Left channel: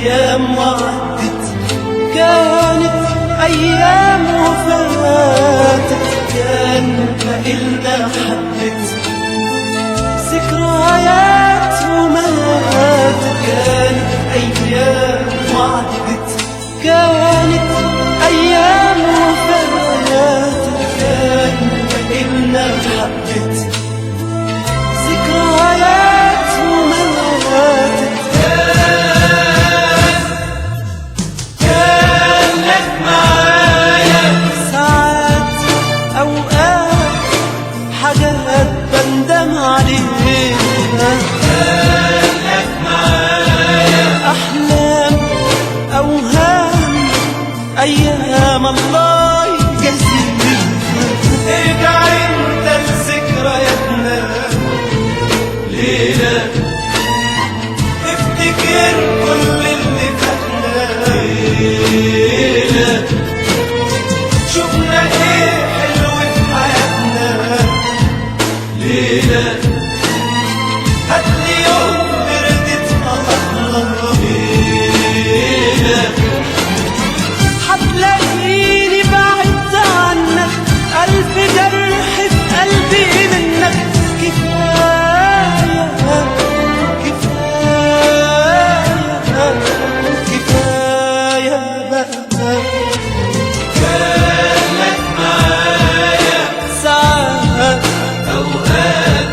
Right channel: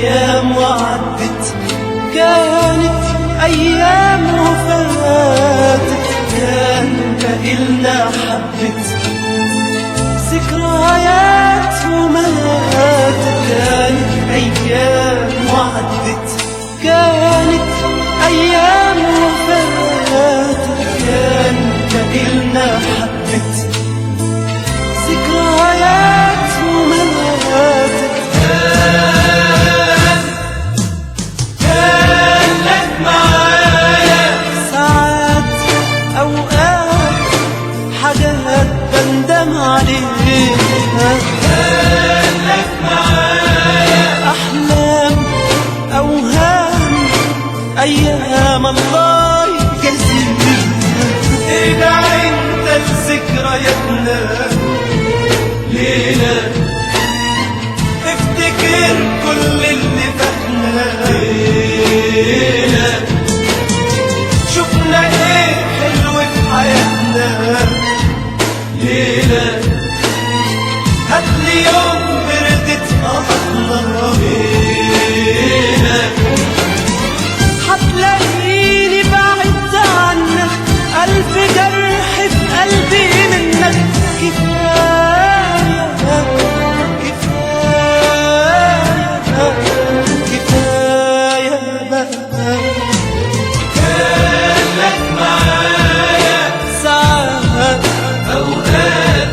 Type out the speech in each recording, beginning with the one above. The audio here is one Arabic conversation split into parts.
أيام وعدت، كانت أيام وفاتت، كان بقلنا حبت ذكريات وماتت. كانت أيام وعدت، كانت أيام وفاتت، كان بقلنا حبت ذكريات وماتت. كان لك معايا ساعات أوقات حاجات بندم عليها، كان لك معايا أحلام أوهام أيام الله يجازيها. ارجع انت لذكرياتنا ليلة، افتكر كل اللي فاتنا ليلة، شوفنا ايه حلو في حياتنا ليلة، هاتلي يوم بردت الله ليلة، هتلاقيني بعدت عنك ألف جرح في قلبي منك. كفاية كفاية كفاية بقى. كان لك معايا ساعات أوقات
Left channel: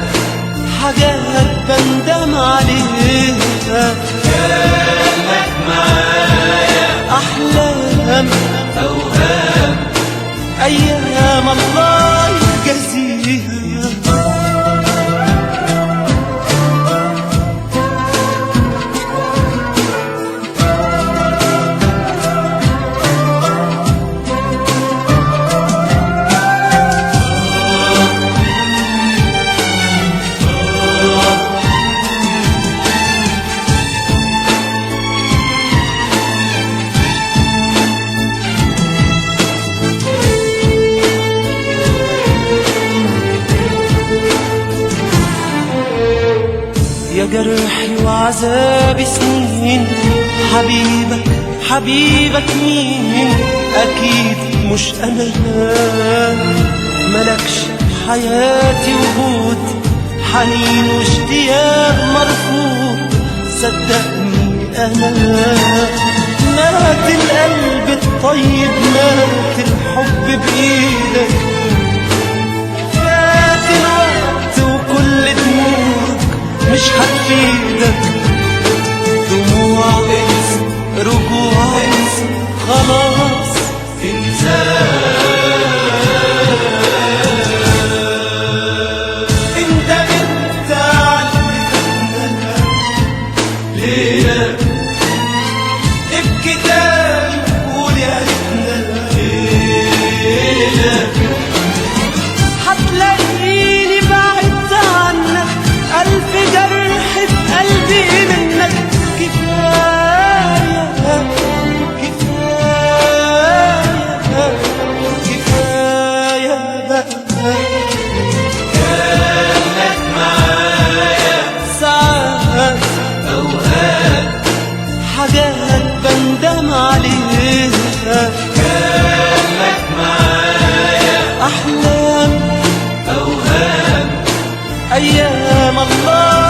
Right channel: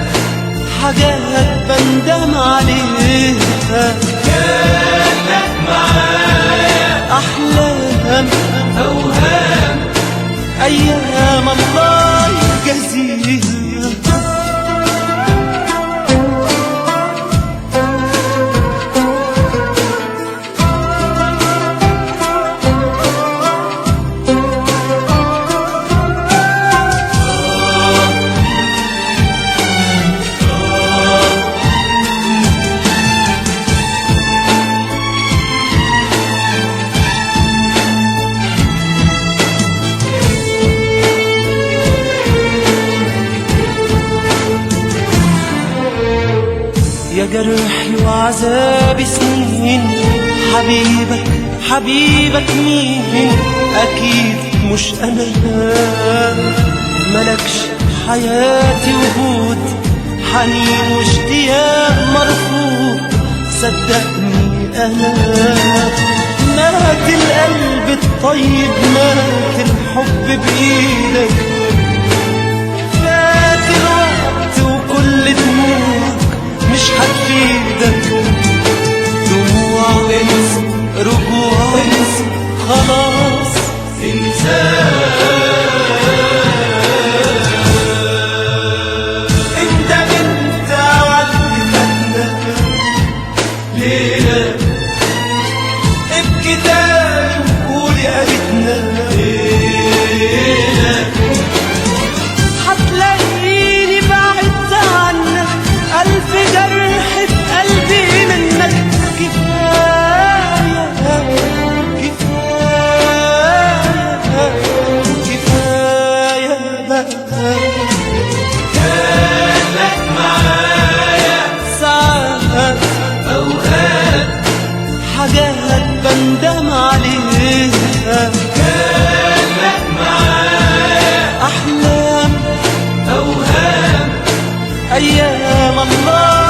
حاجات بندم عليها، كان لك معايا أحلام أوهام أيام الله يجازيها. يا جرحي وعذابي سنين، حبيبك حبيبك مين؟ أكيد مش أنا، ملكش حياتي وجود، حنين واشتياق مرفوض. صدقني أنا مات القلب الطيب، مات الحب بإيدك، فات الوقت وكل دموعك مش هتفيدك. دموع انسى، رجوع انسى، خلاص انت بنت عدت ليلة، ابكي تاني وقولي قالتنا ليلة، هتلاقيني بعدت عنك ألف جرح في قلبي منك. كفاية كفاية كفاية بقى. كان لك معايا ساعات أوقات حاجات بندم عليها، كان لك معايا أحلام أوهام أيام الله